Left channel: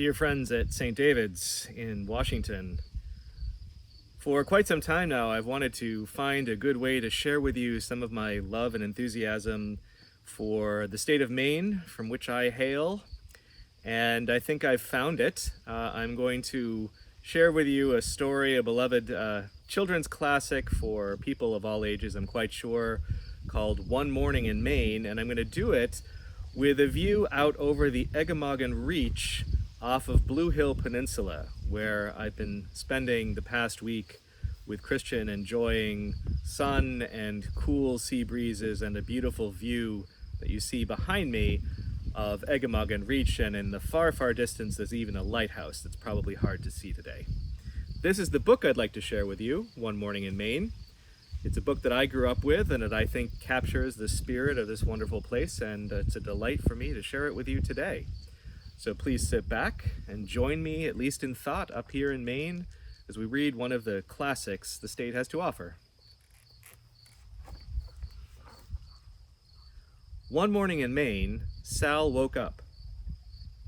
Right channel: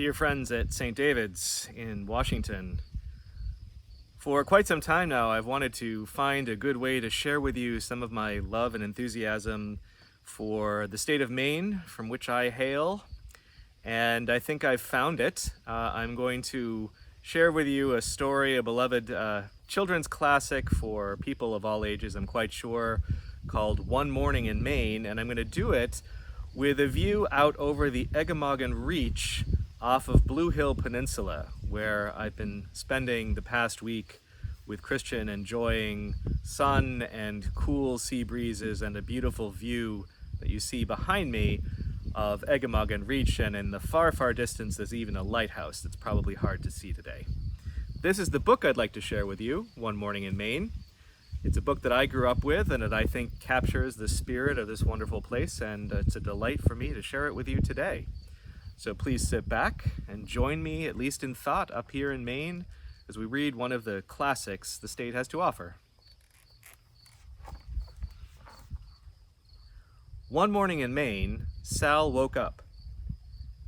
Dear friends at St. David's in Washington, for quite some time now I've wanted to find a good way to share with you some of my love and enthusiasm for the state of Maine, from which I hail, and I think I've found it. I'm going to share with you a story, a beloved children's classic for people of all ages, I'm quite sure, called One Morning in Maine, and I'm going to do it with a view out over the Eggemoggin Reach off of Blue Hill Peninsula, where I've been spending the past week with Christian, enjoying sun and cool sea breezes and a beautiful view that you see behind me of Eggemoggin Reach, and in the far, far distance there's even a lighthouse that's probably hard to see today. This is the book I'd like to share with you, One Morning in Maine. It's a book that I grew up with and that I think captures the spirit of this wonderful place, and it's a delight for me to share it with you today. So please sit back and join me, at least in thought, up here in Maine as we read one of the classics the state has to offer. One morning in Maine, Sal woke up.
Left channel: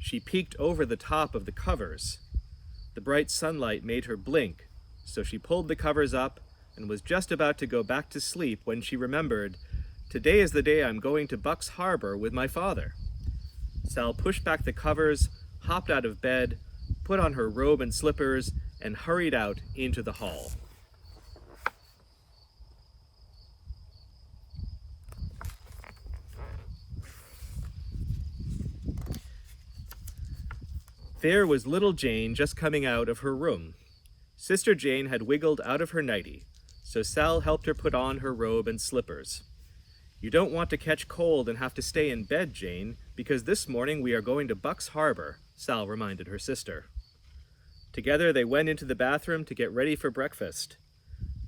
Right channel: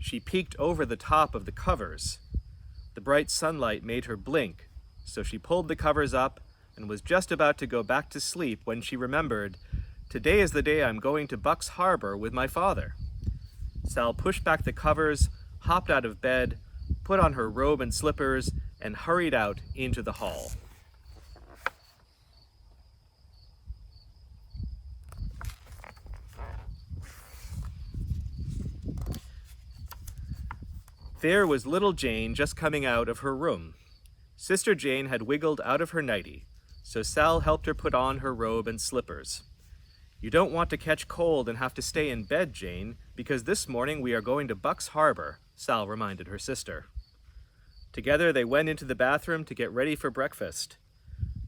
She peeked over the top of the covers. The bright sunlight made her blink, so she pulled the covers up and was just about to go back to sleep when she remembered, "Today is the day I'm going to Bucks Harbor with my father." Sal pushed back the covers, hopped out of bed, put on her robe and slippers, and hurried out into the hall. There was little Jane just coming out of her room. Sister Jane had wiggled out of her nightie, so Sal helped her put on her robe and slippers. "You don't want to catch cold and have to stay in bed, Jane, because this morning we are going to Bucks Harbor," Sal reminded her sister. Together they went into the bathroom to get ready for breakfast.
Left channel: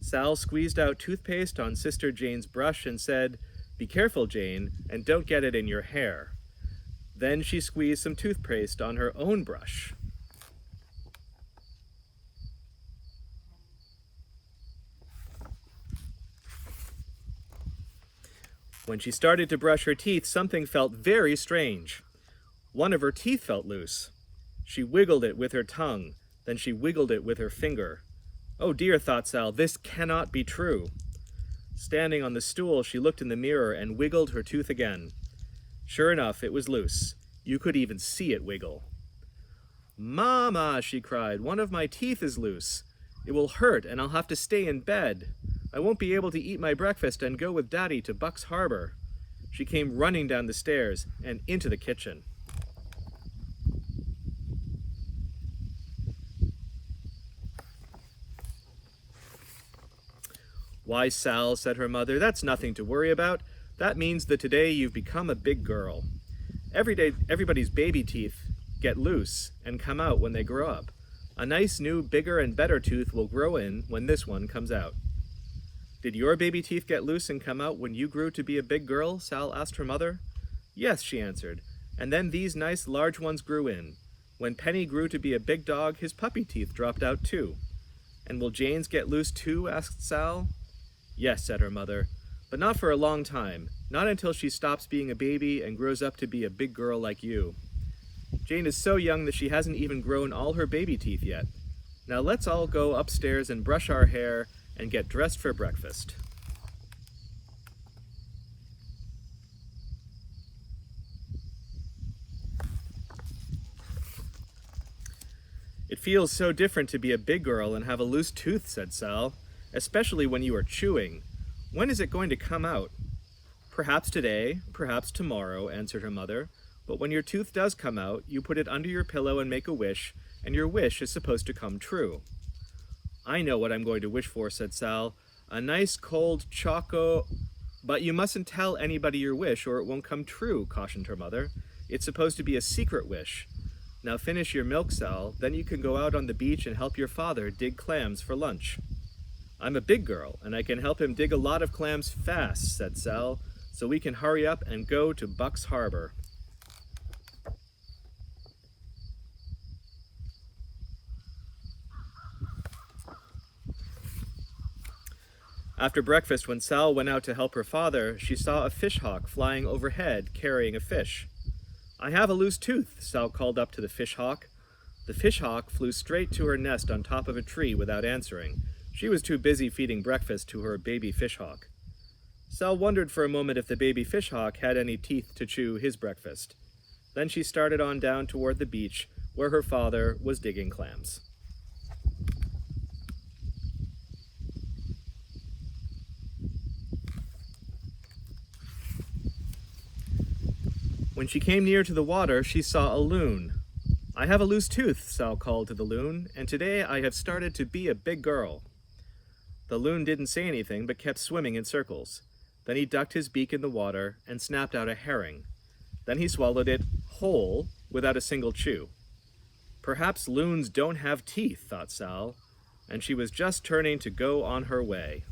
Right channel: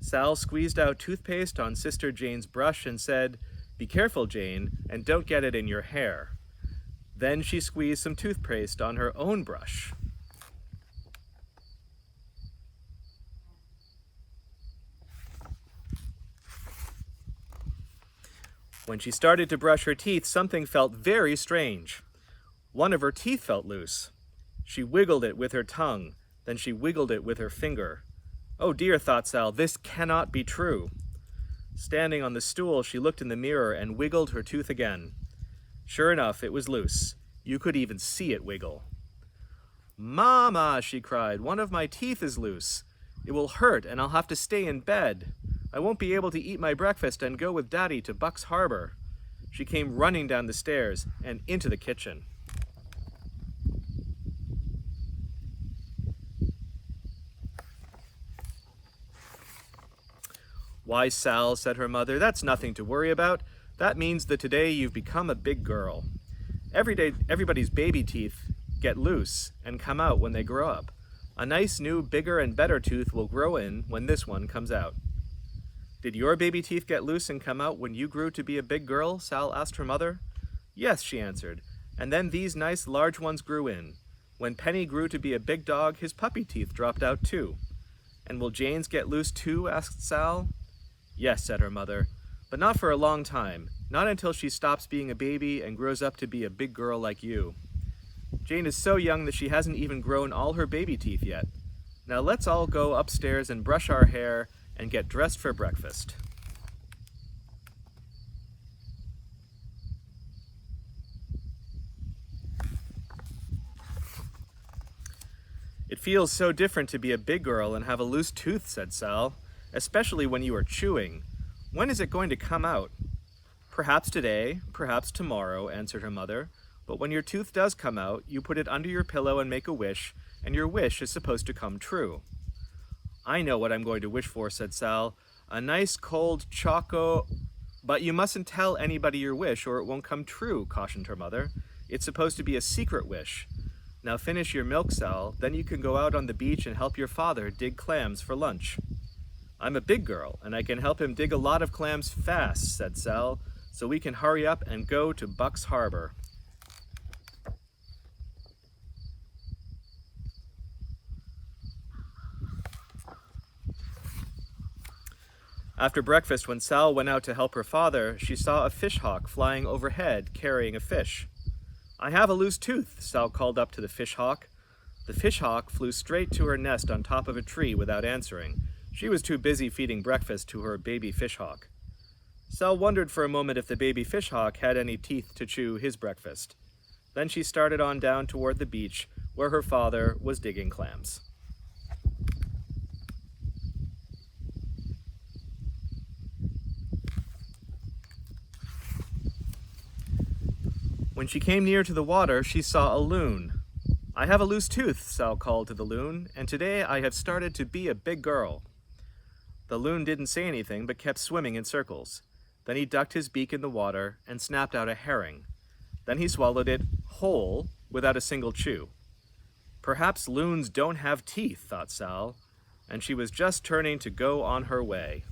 Sal squeezed out toothpaste on Sister Jane's brush and said, "Be careful, Jane, and don't get it in your hair." Then she squeezed some toothpaste on her own brush. When she started to brush her teeth, something felt very strange. One of her teeth felt loose. She wiggled it with her tongue, then she wiggled it with her finger. "Oh dear," thought Sal, "this cannot be true." Standing on the stool, she looked in the mirror and wiggled her tooth again. Sure enough, it was loose. You could even see it wiggle. "Mama," she cried, "one of my teeth is loose. It will hurt and I'll have to stay in bed. I won't be able to eat my breakfast and go with Daddy to Bucks Harbor." She came running down the stairs and into the kitchen. "Why, Sal," said her mother, "that's nothing to worry about. That means that today you've become a big girl. Every day, everybody's baby teeth get loose and come out when they grow up. A nice new, bigger and better tooth will grow in when this one comes out." "Did your baby teeth get loose and come out when you grew to be a big girl?" Sal asked her mother. "Yes," she answered, "and then these nice large ones grew in. When Penny grew to be a big dog, his puppy teeth dropped out too." "And will Jane's get loose too?" asked Sal. "Yes," said her mother, "but not for a long time, not until she stops being a baby and grows up to be a big girl like you. Jane is so young that she hasn't even grown all her baby teeth yet. Now let's all go upstairs and brush our hair and get dressed for breakfast." "It feels so different to be a big girl and have a loose tooth," said Sal, "especially when you are chewing. When is it going to come out?" "Perhaps today, perhaps tomorrow," answered her mother, "but when your tooth does come out, you put it under your pillow and make a wish, and your wish is supposed to come true." "I know what I'm going to wish for," said Sal. "A nice cold choco—" "But you mustn't tell anybody your wish or it won't come true," cautioned her mother. "It's supposed to be a secret wish. Now finish your milk, Sal, then you can go out on the beach and help your father dig clams for lunch." "I'm a big girl, and I can help him dig a lot of clams fast," said Sal, "so we can hurry up and go to Bucks Harbor." After breakfast, when Sal went out to help her father, she saw a fish hawk flying overhead carrying a fish. "I have a loose tooth," Sal called up to the fish hawk. The fishhawk flew straight to her nest on top of a tree without answering. She was too busy feeding breakfast to her baby fishhawk. Sal wondered for a moment if the baby fishhawk had any teeth to chew his breakfast. Then she started on down toward the beach, where her father was digging clams. When she came near to the water, she saw a loon. "I have a loose tooth," Sal called to the loon, "and today I have started to be a big girl." The loon didn't say anything, but kept swimming in circles. Then he ducked his beak in the water and snapped out a herring. Then he swallowed it whole, without a single chew. Perhaps loons don't have teeth, thought Sal, and she was just turning to go on her way.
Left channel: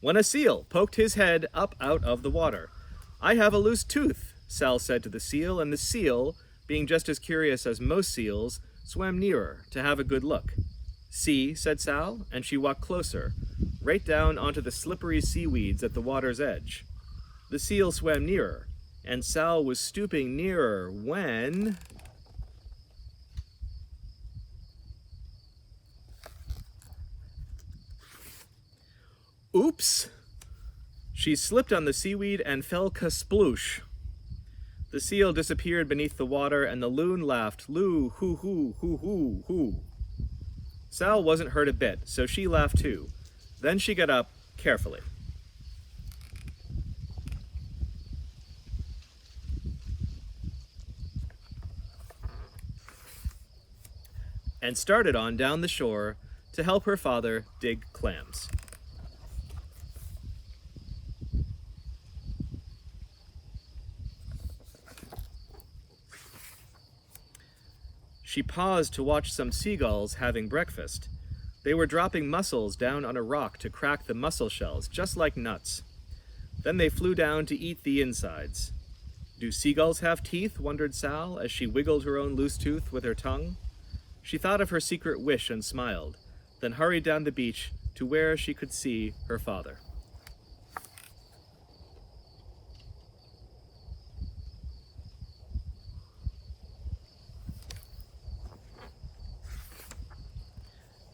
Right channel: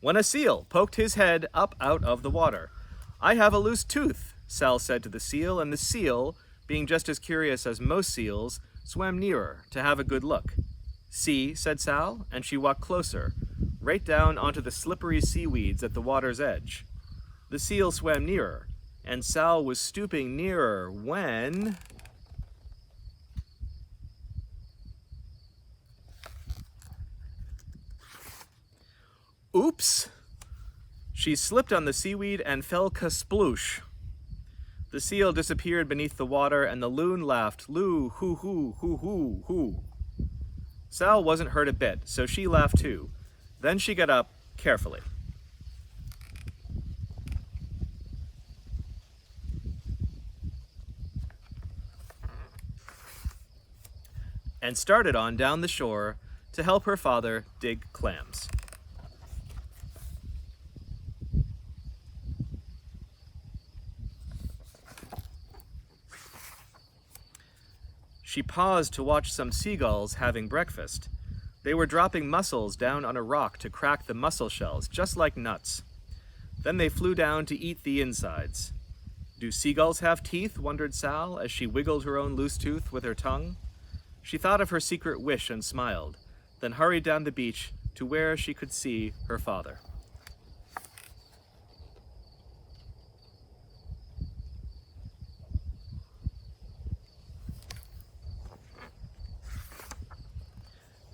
When a seal poked his head up out of the water. "I have a loose tooth," Sal said to the seal, and the seal, being just as curious as most seals, swam nearer to have a good look. "See," said Sal, and she walked closer, right down onto the slippery seaweeds at the water's edge. The seal swam nearer, and Sal was stooping nearer when... Oops! She slipped on the seaweed and fell kasploosh. The seal disappeared beneath the water, and the loon laughed, "Loo, hoo, hoo, hoo, hoo, hoo." Sal wasn't hurt a bit, so she laughed too. Then she got up carefully. And started on down the shore to help her father dig clams. She paused to watch some seagulls having breakfast. They were dropping mussels down on a rock to crack the mussel shells, just like nuts. Then they flew down to eat the insides. "Do seagulls have teeth?" wondered Sal as she wiggled her own loose tooth with her tongue. She thought of her secret wish and smiled, then hurried down the beach to where she could see her father.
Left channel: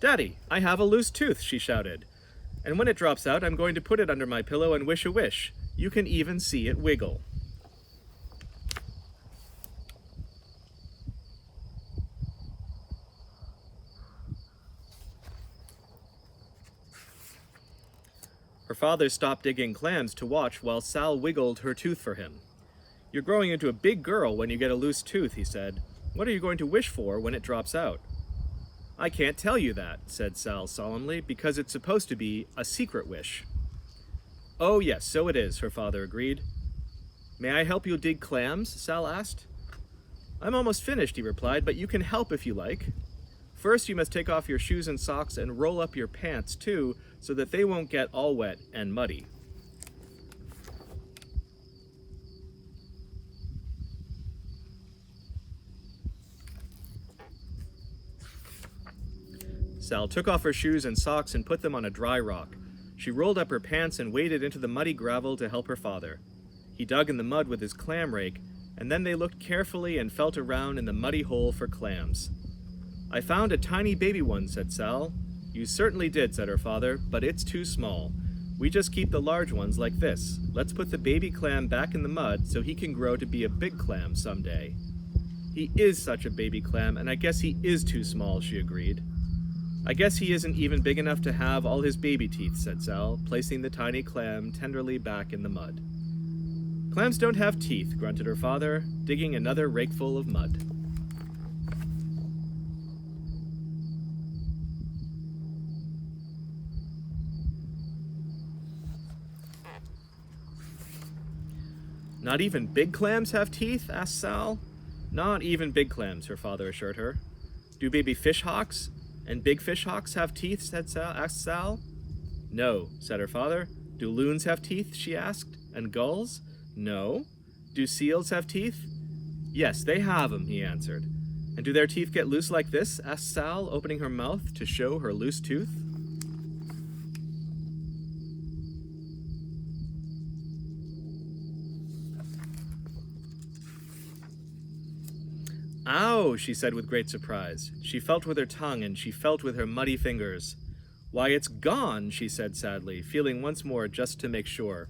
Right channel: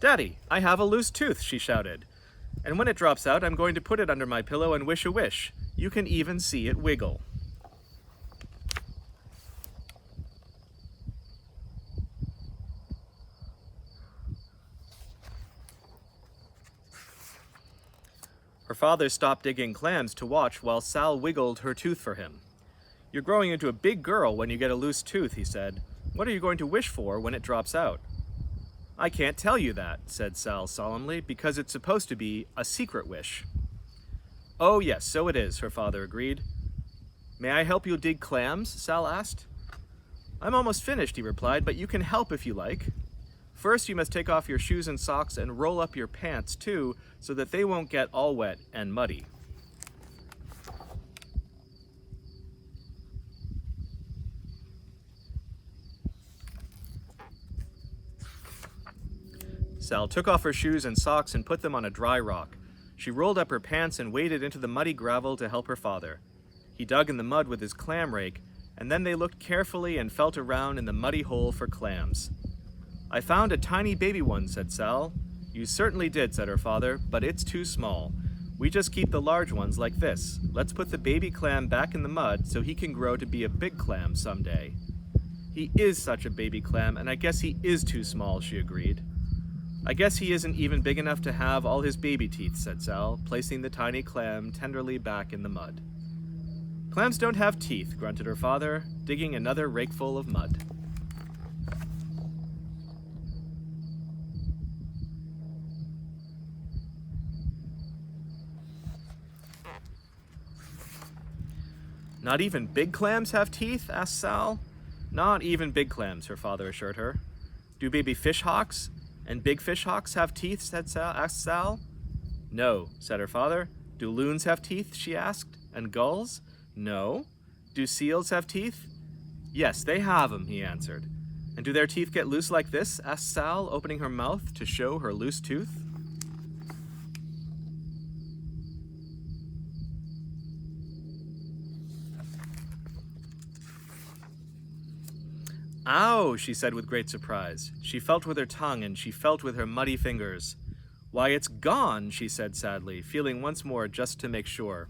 "Daddy, I have a loose tooth," she shouted. "And when it drops out, I'm going to put it under my pillow and wish a wish. You can even see it wiggle." Her father stopped digging clams to watch while Sal wiggled her tooth for him. "You're growing into a big girl when you get a loose tooth," he said. "What are you going to wish for when it drops out?" "I can't tell you that," said Sal solemnly, "because it's supposed to be a secret wish." "Oh yes, so it is," her father agreed. "May I help you dig clams?" Sal asked. "I'm almost finished," he replied, "but you can help if you like. First, you must take off your shoes and socks and roll up your pants too, so that they won't get all wet and muddy." Sal took off her shoes and socks and put them on a dry rock. She rolled up her pants and waded into the muddy gravel to help her father. He dug in the mud with his clam rake, and then they looked carefully and felt around in the muddy hole for clams. "I found a tiny baby one," said Sal. "You certainly did," said her father, "but it's too small. We just keep the large ones like this. Let's put the baby clam back in the mud so he can grow to be a big clam someday." "He is such a baby clam, and I guess he is too small," she agreed. "I guess he isn't even big enough to have all his baby teeth," said Sal, placing the tiny clam tenderly back in the mud. "Clams don't have teeth," grunted her father, digging another rakeful of mud. "Not even big clams have teeth?" asked Sal. "Not even big clams," her father assured her. "Do baby fishhawks and big fishhawks have teeth?" asked Sal. "No," said her father. "Do loons have teeth?" she asked. "And gulls?" "No." "Do seals have teeth?" "Yes, they have them," he answered. "And do their teeth get loose like this?" asked Sal, opening her mouth to show her loose tooth. "Ow," she said with great surprise. She felt with her tongue and she felt with her muddy fingers. "Why, it's gone," she said sadly, feeling once more just to make sure.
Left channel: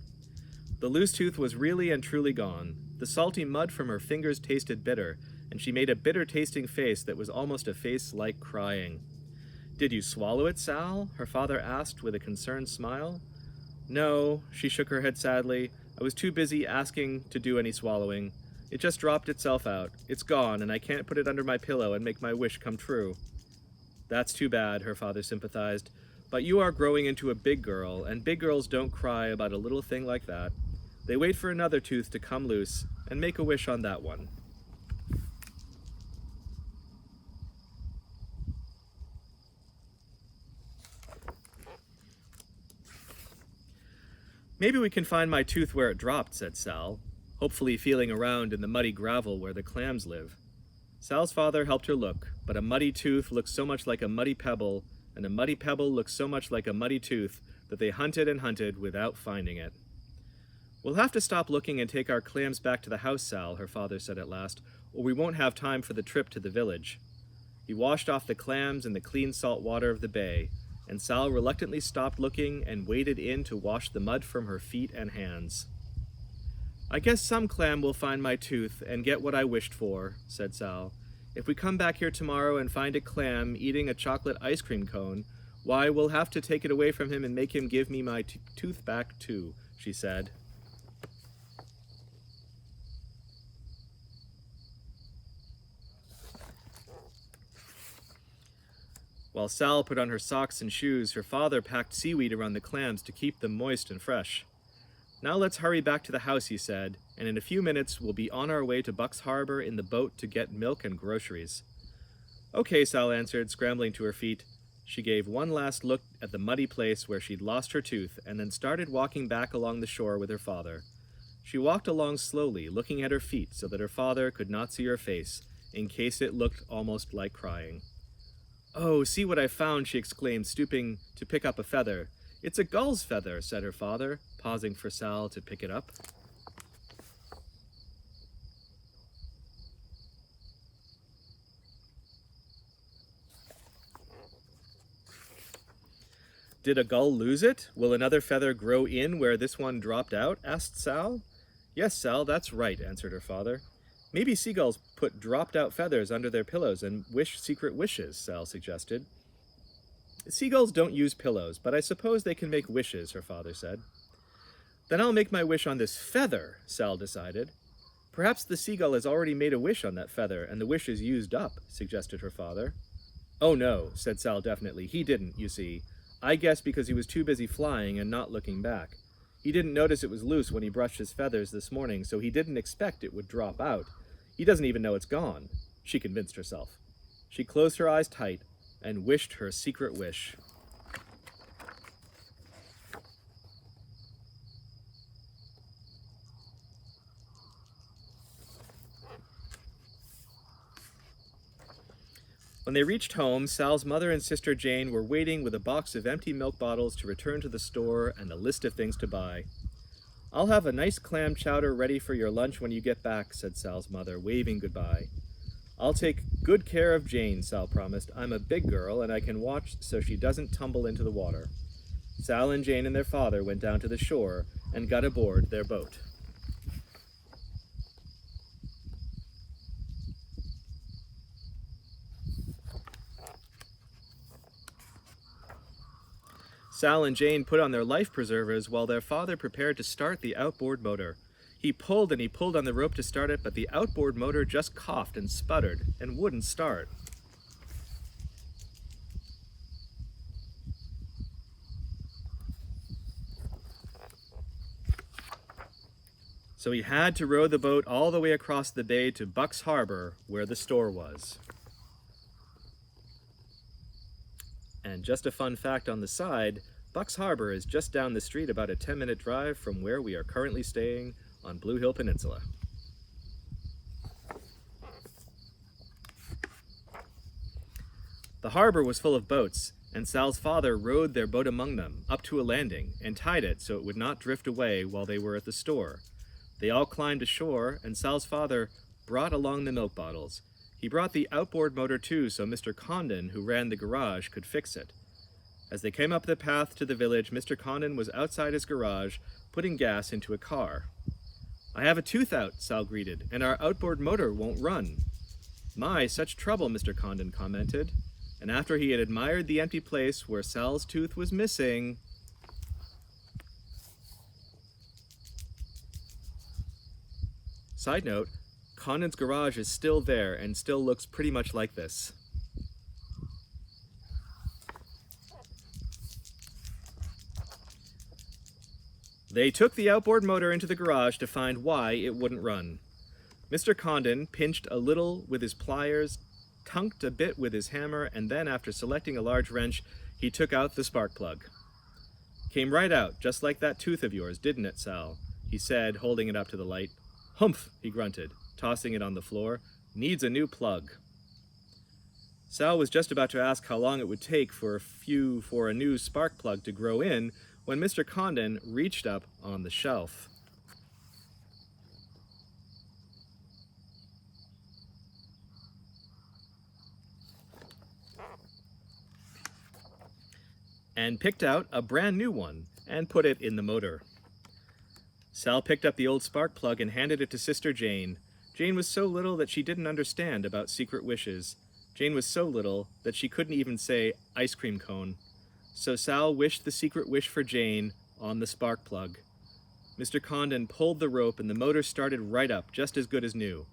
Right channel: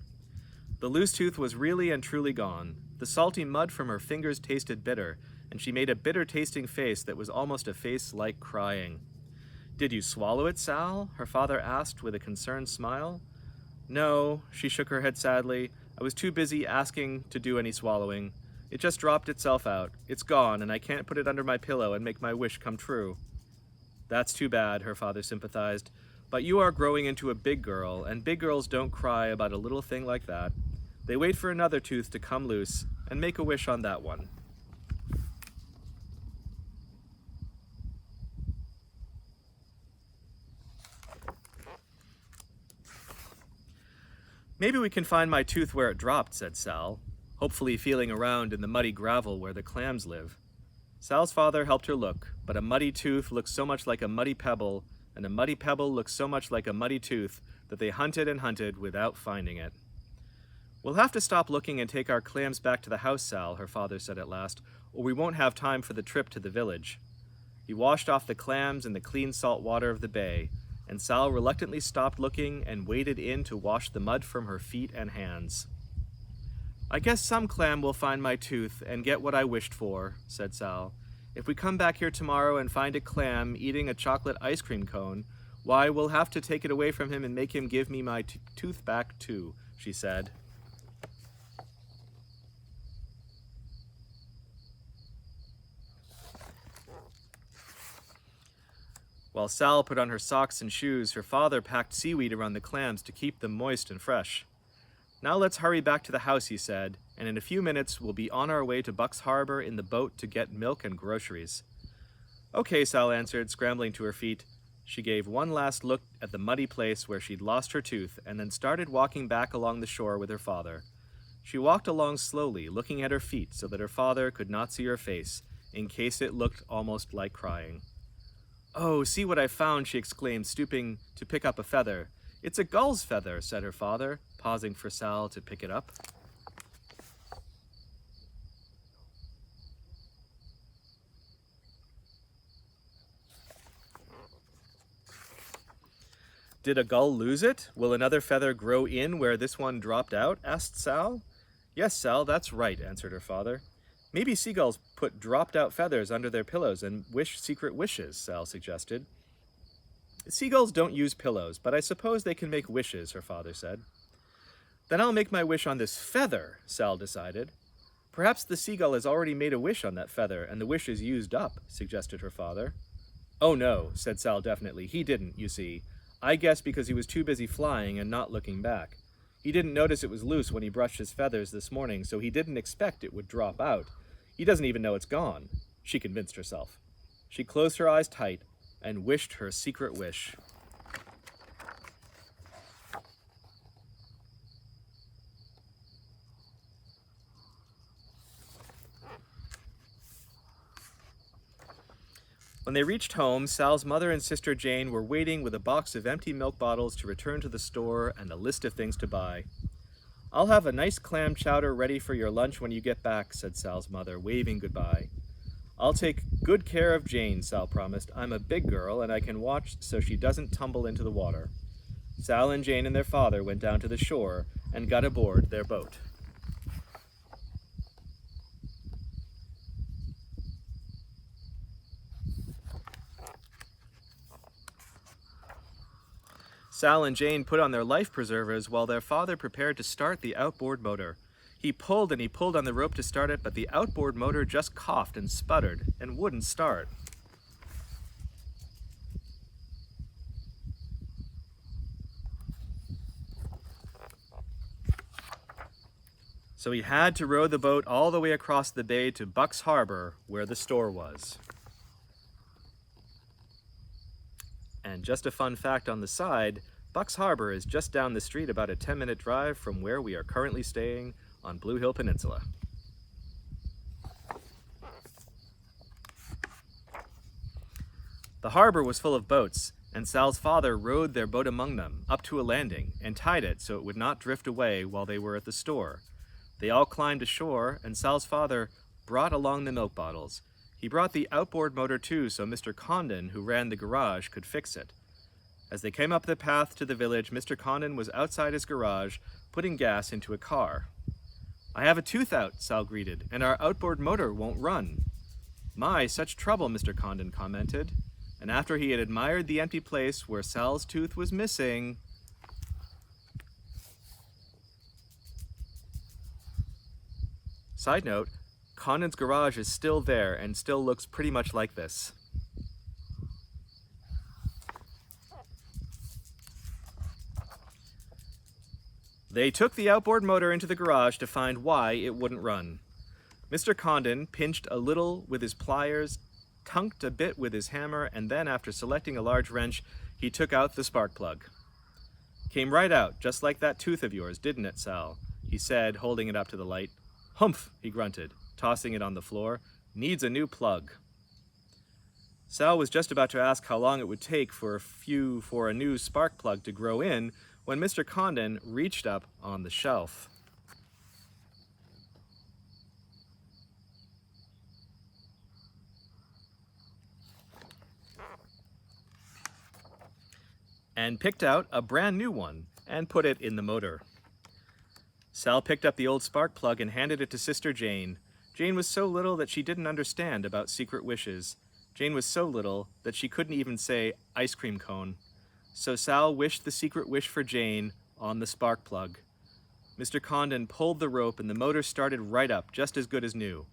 The loose tooth was really and truly gone. The salty mud from her fingers tasted bitter, and she made a bitter-tasting face that was almost a face like crying. "Did you swallow it, Sal?" her father asked with a concerned smile. "No," she shook her head sadly. "I was too busy asking to do any swallowing. It just dropped itself out. It's gone, and I can't put it under my pillow and make my wish come true." "That's too bad," her father sympathized. "But you are growing into a big girl, and big girls don't cry about a little thing like that. They wait for another tooth to come loose and make a wish on that one." "Maybe we can find my tooth where it dropped," said Sal, hopefully feeling around in the muddy gravel where the clams live. Sal's father helped her look, but a muddy tooth looks so much like a muddy pebble, and a muddy pebble looks so much like a muddy tooth that they hunted and hunted without finding it. "We'll have to stop looking and take our clams back to the house, Sal," her father said at last, "or we won't have time for the trip to the village." He washed off the clams in the clean salt water of the bay, and Sal reluctantly stopped looking and waded in to wash the mud from her feet and hands. "I guess some clam will find my tooth and get what I wished for," said Sal. "If we come back here tomorrow and find a clam eating a chocolate ice cream cone, why, we'll have to take it away from him and make him give me my tooth back too," she said. While Sal put on her socks and shoes, her father packed seaweed around the clams to keep them moist and fresh. "Now let's hurry back to the house," he said, "and in a few minutes we'll be on our way to Buck's Harbor in the boat to get milk and groceries." "Okay," Sal answered, scrambling to her feet. She gave one last look at the muddy place where she'd lost her tooth and then started walking back along the shore with her father. She walked along slowly, looking at her feet so that her father could not see her face, in case it looked almost like crying. "Oh, see what I found," she exclaimed, stooping to pick up a feather. "It's a gull's feather," said her father, pausing for Sal to pick it up. "Did a gull lose it? Will another feather grow in where this one dropped out?" asked Sal. "Yes, Sal, that's right," answered her father. "Maybe seagulls put dropped-out feathers under their pillows and wish secret wishes," Sal suggested. "Seagulls don't use pillows, but I suppose they can make wishes," her father said. "Then I'll make my wish on this feather," Sal decided. "Perhaps the seagull has already made a wish on that feather, and the wish is used up," suggested her father. "Oh no," said Sal definitely. "He didn't, you see. I guess because he was too busy flying and not looking back. He didn't notice it was loose when he brushed his feathers this morning, so he didn't expect it would drop out. He doesn't even know it's gone," she convinced herself. She closed her eyes tight and wished her secret wish. When they reached home, Sal's mother and sister Jane were waiting with a box of empty milk bottles to return to the store and a list of things to buy. "I'll have a nice clam chowder ready for your lunch when you get back," said Sal's mother, waving goodbye. "I'll take good care of Jane," Sal promised. "I'm a big girl, and I can watch so she doesn't tumble into the water." Sal and Jane and their father went down to the shore and got aboard their boat. Sal and Jane put on their life preservers while their father prepared to start the outboard motor. He pulled and he pulled on the rope to start it, but the outboard motor just coughed and sputtered and wouldn't start. So he had to row the boat all the way across the bay to Buck's Harbor, where the store was. And just a fun fact on the side, Buck's Harbor is just down the street, about a 10-minute drive from where we are currently staying on Blue Hill Peninsula. The harbor was full of boats, and Sal's father rowed their boat among them, up to a landing, and tied it so it would not drift away while they were at the store. They all climbed ashore, and Sal's father brought along the milk bottles. He brought the outboard motor too so Mr. Condon, who ran the garage, could fix it. As they came up the path to the village, Mr. Condon was outside his garage, putting gas into a car. "I have a tooth out," Sal greeted, "and our outboard motor won't run." "My, such trouble," Mr. Condon commented, and after he had admired the empty place where Sal's tooth was missing, side note, Condon's garage is still there and still looks pretty much like this. They took the outboard motor into the garage to find why it wouldn't run. Mr. Condon pinched a little with his pliers, tunked a bit with his hammer, and then, after selecting a large wrench, he took out the spark plug. "Came right out, just like that tooth of yours, didn't it, Sal?" he said, holding it up to the light. "Humph," he grunted, tossing it on the floor. "Needs a new plug." Sal was just about to ask how long it would take for a new spark plug to grow in when Mr. Condon reached up on the shelf. And picked out a brand new one and put it in the motor. Sal picked up the old spark plug and handed it to Sister Jane. Jane was so little that she didn't understand about secret wishes. Jane was so little that she couldn't even say ice cream cone. So Sal wished the secret wish for Jane on the spark plug. Mr. Condon pulled the rope and the motor started right up, just as good as new.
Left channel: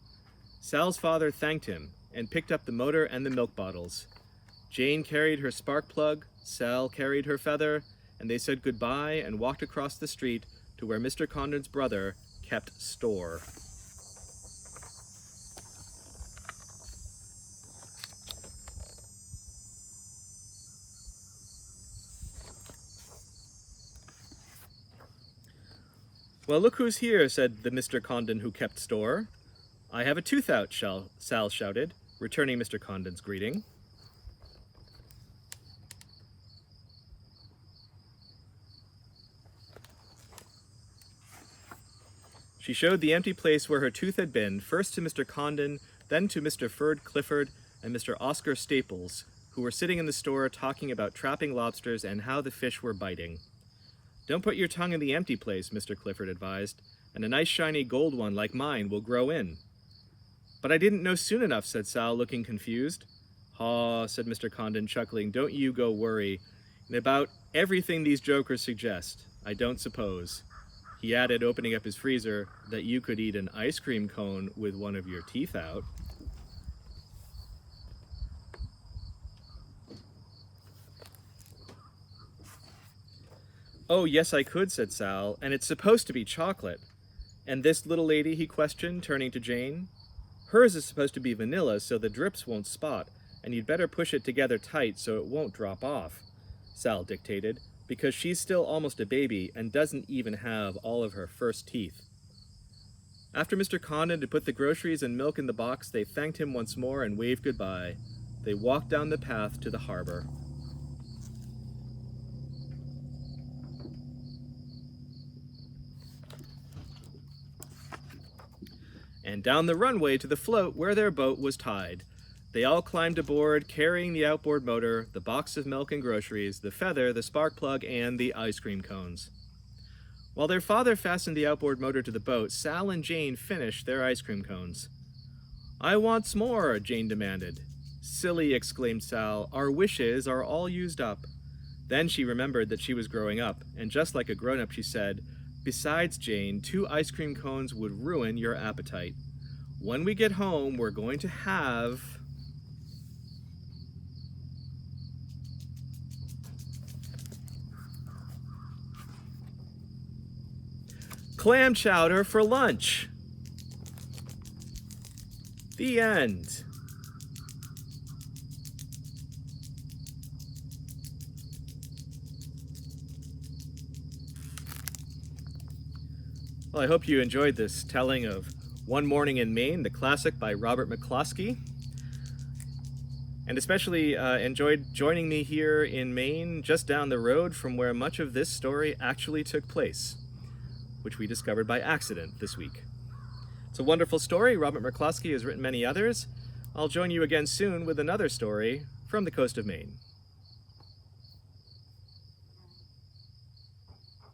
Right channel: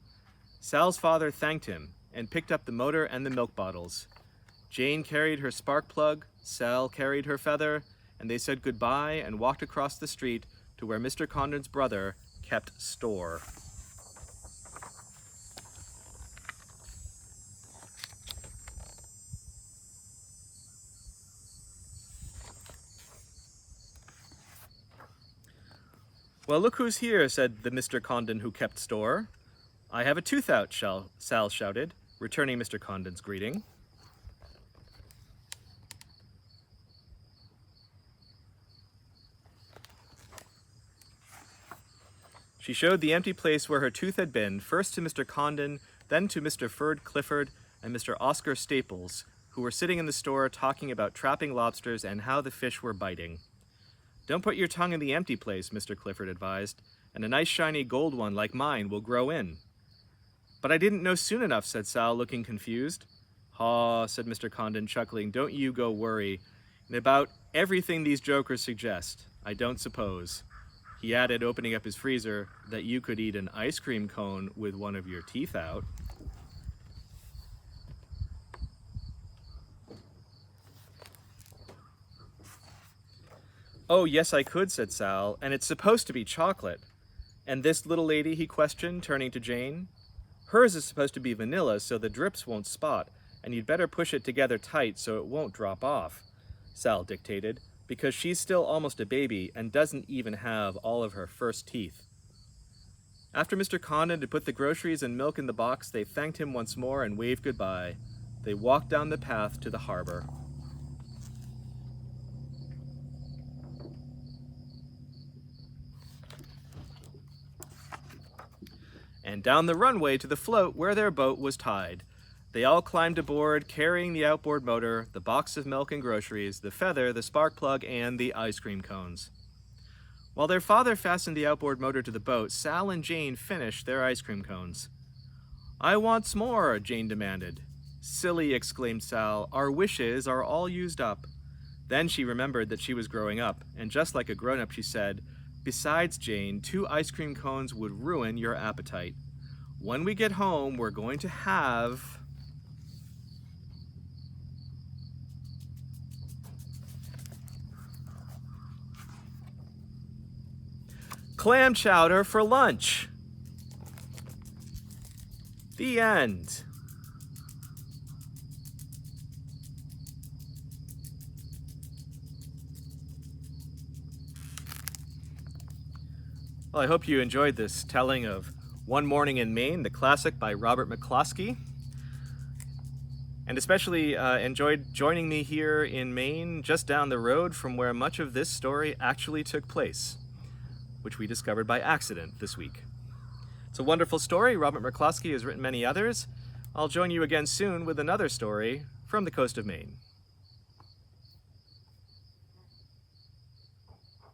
Sal's father thanked him and picked up the motor and the milk bottles. Jane carried her spark plug, Sal carried her feather, and they said goodbye and walked across the street to where Mr. Condon's brother kept store. "Well, look who's here," said the Mr. Condon who kept store. "I have a tooth out," Sal shouted, returning Mr. Condon's greeting. She showed the empty place where her tooth had been, first to Mr. Condon, then to Mr. Ferd Clifford and Mr. Oscar Staples, who were sitting in the store talking about trapping lobsters and how the fish were biting. "Don't put your tongue in the empty place," Mr. Clifford advised, "and a nice shiny gold one like mine will grow in." "But I didn't know soon enough," said Sal, looking confused. "Haw," said Mr. Condon, chuckling, "don't you go worry. And about everything these jokers suggest, I don't suppose," he added, opening up his freezer, "that you could eat an ice cream cone with one of your teeth out." "Oh, yes, I could," said Sal, "and it's supposed to be chocolate." "And this little lady?" he questioned, turning to Jane. "Hers is supposed to be vanilla, so the drips won't spot, and you'd better push it together tight so it won't drop off," Sal dictated, "because she's still almost a baby and doesn't even have all of her first teeth." After Mr. Condon had put the groceries and milk in the box, they thanked him once more and waved goodbye. They walked down the path to the harbor. And down the runway to the float where their boat was tied. They all climbed aboard, carrying the outboard motor, the box of milk and groceries, the feather, the spark plug, and the ice cream cones. While their father fastened the outboard motor to the boat, Sal and Jane finished their ice cream cones. "I want more," Jane demanded. "Silly," exclaimed Sal, "our wishes are all used up." Then she remembered that she was growing up, and just like a grown-up, she said, "Besides, Jane, 2 ice cream cones would ruin your appetite. When we get home, we're going to have..." "Clam chowder for lunch." The end. Well, I hope you enjoyed this telling of One Morning in Maine, the classic by Robert McCloskey, and especially enjoyed joining me here in Maine, just down the road from where much of this story actually took place, which we discovered by accident this week. It's a wonderful story. Robert McCloskey has written many others. I'll join you again soon with another story from the coast of Maine.